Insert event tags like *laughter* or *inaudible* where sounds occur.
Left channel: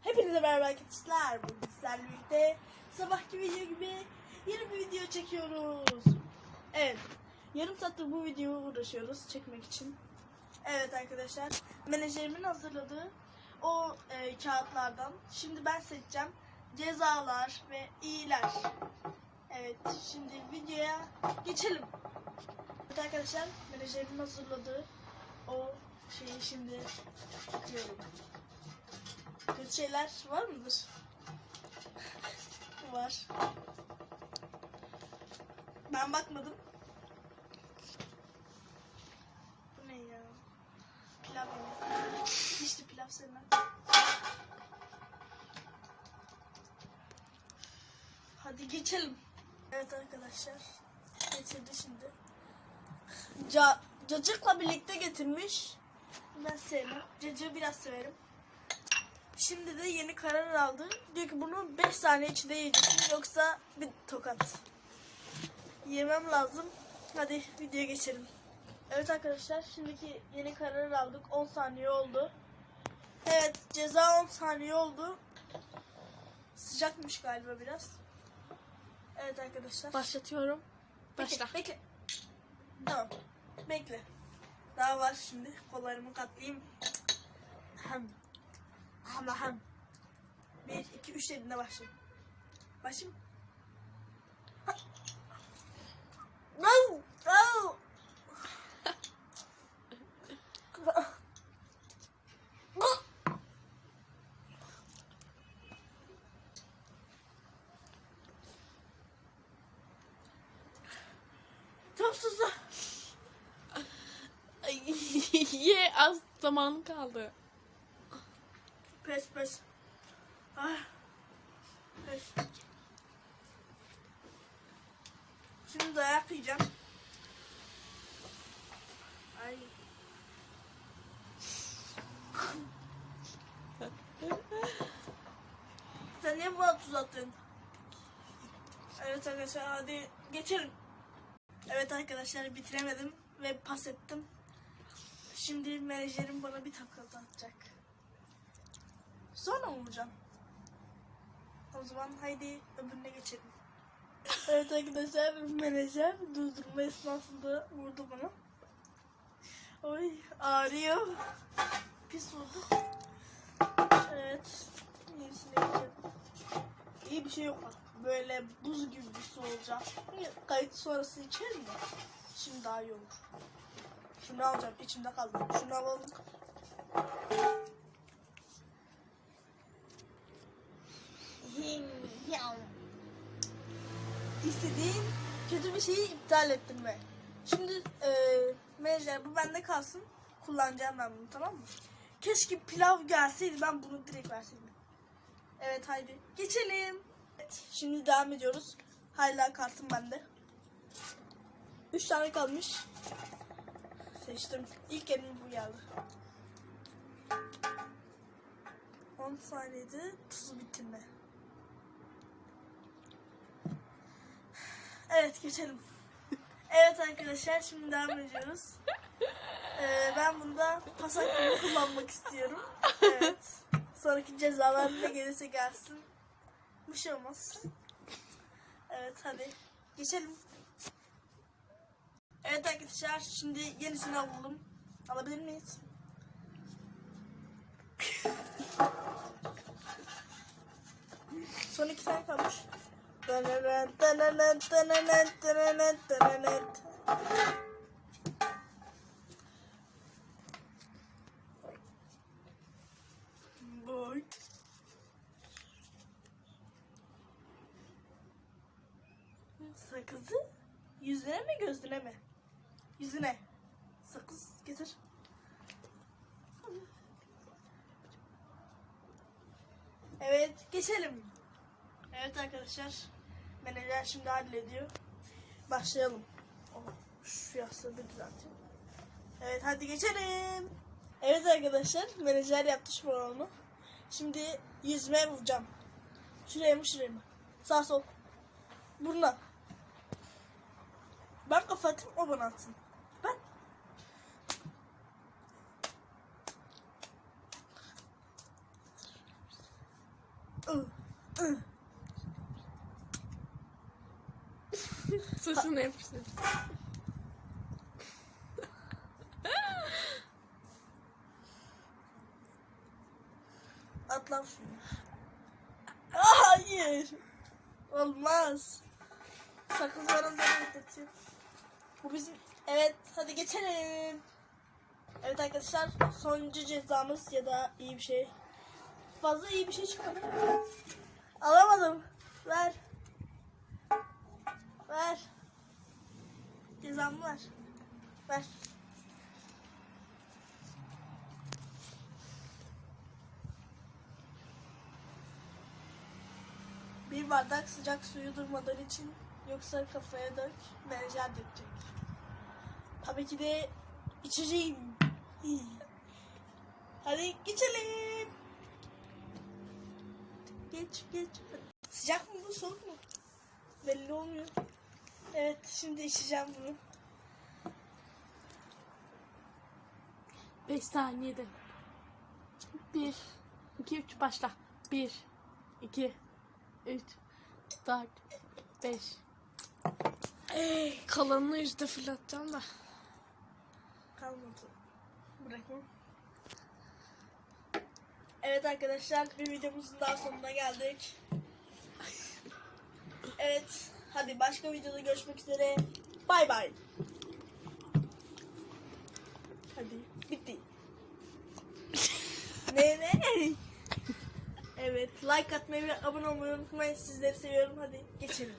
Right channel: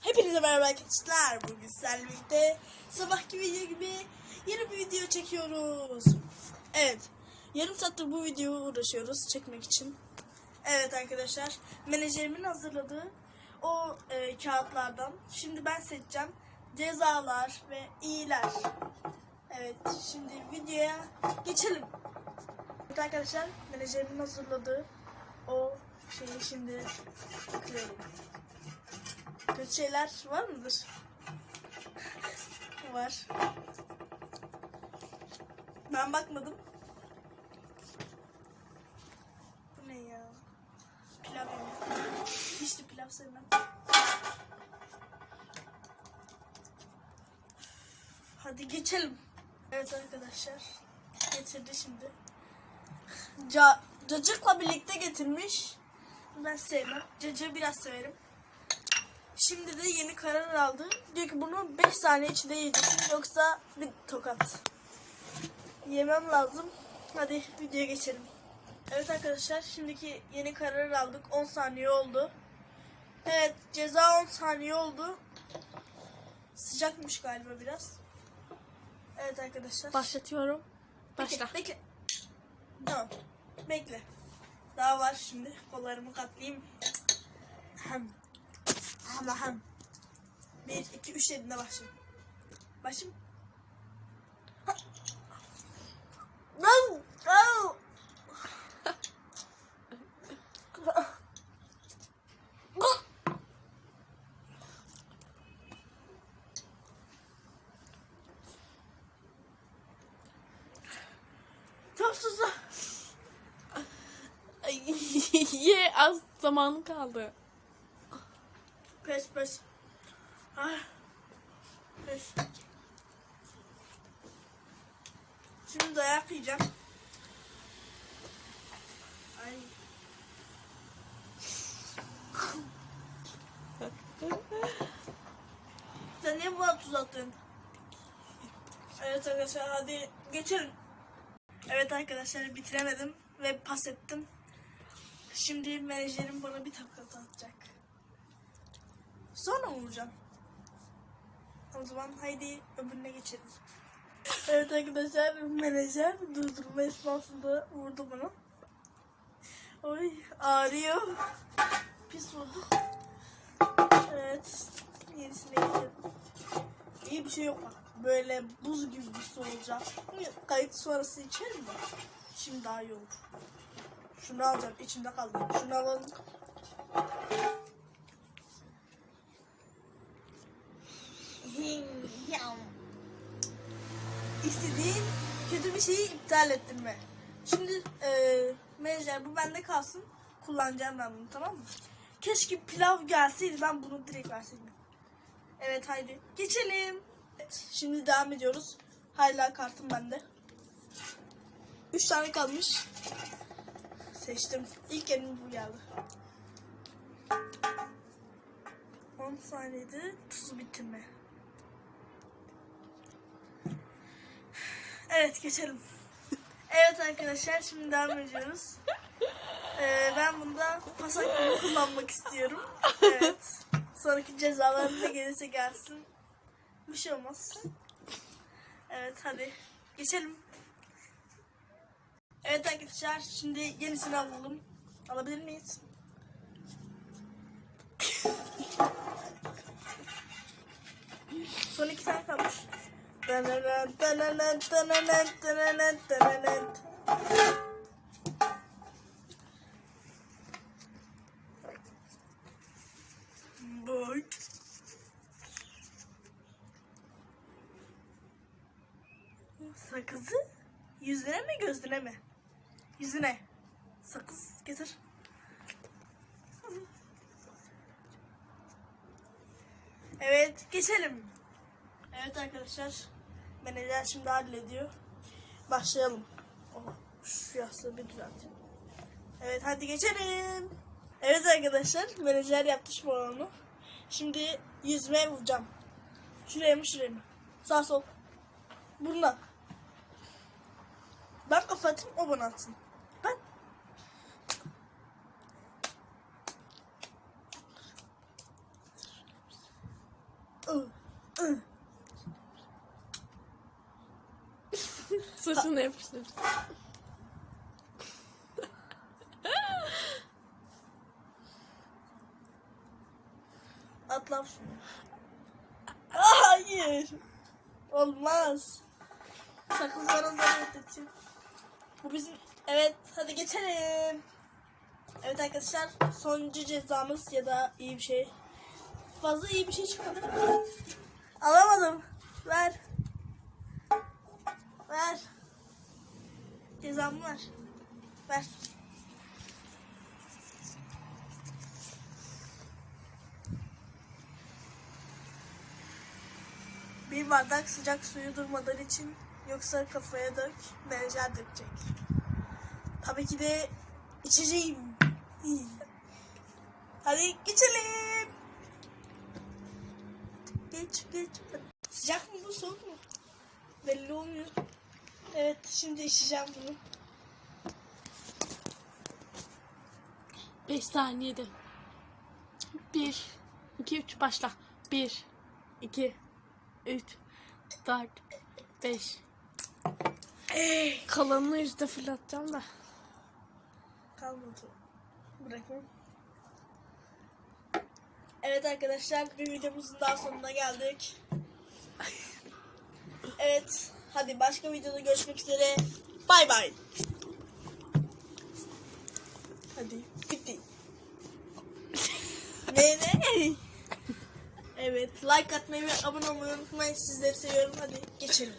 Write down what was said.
Hepinize merhaba arkadaşlar. Bugün sizlerle birlikte sabahki video gibi yeni bir video çekiyoruz. Evet. Yarım saattir bu videoyu uğraşıyoruz çekmek için. Evet arkadaşlar. Menajerimin hazırladığı o e, kağıtlardan. Şimdi ben seçeceğim. Cezalar ve iyiler. Evet. Şimdi videoya geçelim. Evet arkadaşlar. Menajerimin hazırladığı o şeyi şimdi bakıyorum. Kötü şeyler var mıdır? *laughs* Var. Ben bakmadım. Bu ne ya? Pilav yemek. Hiç de pilav sevmem. Hadi geçelim. Evet arkadaşlar. Getirdi şimdi. Ca cacıkla birlikte getirmiş. Ben sevmem. Cacığı biraz severim. Şimdi de yeni karar aldı. Diyor ki bunu 5 saniye içinde yiyeceksin yoksa bir tokat. Yemem lazım. Hadi videoya geçelim. Evet arkadaşlar şimdiki yeni kararı aldık. 10 saniye oldu. Evet ceza 10 saniye oldu. Sıcakmış galiba biraz. Evet arkadaşlar. Başlatıyorum. Bekle, Başla. bekle. Tamam. Bekle. Daha var şimdi. Kollarımı katlayayım. Hem. Hem hem. Bir, iki, üç dediğinde başlayayım. Başlayayım. Az zamanı kaldı. Pes pes. Ah. Pes. Şimdi dayak yiyeceğim. Ay. Sen niye buna tuz attın? Evet arkadaşlar hadi geçelim. Evet arkadaşlar bitiremedim ve pas ettim. Şimdi menajerim bana bir tokat atacak. Sonra vuracağım? O zaman haydi öbürüne geçelim. evet arkadaşlar menajer durdurma esnasında vurdu bana. Oy ağrıyor. Pis oldu. Evet. Yenisine geçelim. İyi bir şey yok bak. Böyle buz gibi bir su olacak. Kayıt sonrası içelim mi? Şimdi daha iyi olur. Şunu alacağım. içimde kaldı. Şunu alalım. İstediğin kötü bir şeyi iptal ettin mi? Şimdi e, menajer bu bende kalsın. Kullanacağım ben bunu tamam mı? Keşke pilav gelseydi ben bunu direkt verseydim. Evet haydi geçelim. Şimdi devam ediyoruz. Hala kartım bende. 3 tane kalmış. Seçtim. İlk elim bu geldi. 10 saniyede tuzu bitirme. Evet geçelim. *laughs* evet arkadaşlar şimdi devam ediyoruz. Ee, ben bunda pas hakkımı kullanmak istiyorum. Evet. Sonraki cezalar ne gelirse gelsin. Bir şey olmaz. Evet hadi geçelim. Evet arkadaşlar şimdi yenisini alalım. Alabilir miyiz? Son iki tane kalmış. Sakızı yüzüne mi gözüne mi? Yüzüne. Sakız getir. Evet geçelim. Evet arkadaşlar. Menajer şimdi hallediyor. Başlayalım. Oh, şu yastığı bir düzelteyim. Evet hadi geçelim. Evet arkadaşlar menajer yaptı şu an onu. Şimdi yüzmeye vuracağım. Şuraya mı şuraya mı? Sağ sol. Burnuna. Ben kafa atayım o bana atsın. Ben. Saçını yapıştır. Atlam şunu. Aa, Hayır. Olmaz. Sakız bana da atlatıyor. Bu bizim... Evet hadi geçelim. Evet arkadaşlar sonuncu cezamız ya da iyi bir şey. Fazla iyi bir şey çıkmadı. Alamadım. Var. Ver. Bir bardak sıcak suyu durmadan için yoksa kafaya dök, menajer dökecek. Tabii ki de içeceğim. *laughs* Hadi geçelim. Geç geç. Sıcak mı bu soğuk mu? Belli olmuyor. Evet şimdi içeceğim bunu. 5 saniyede. 1 2 3 başla. 1 2 3 4 5 Kalanını işte fırlatacağım da. Kalmadı. Bırakmam. Evet arkadaşlar bir videomuzun daha sonuna geldik. Evet. Hadi başka videoda görüşmek üzere. Bay bay. Hadi bitti. ne ne? Evet like atmayı ve abone olmayı unutmayın. Sizleri seviyorum. Hadi geçelim.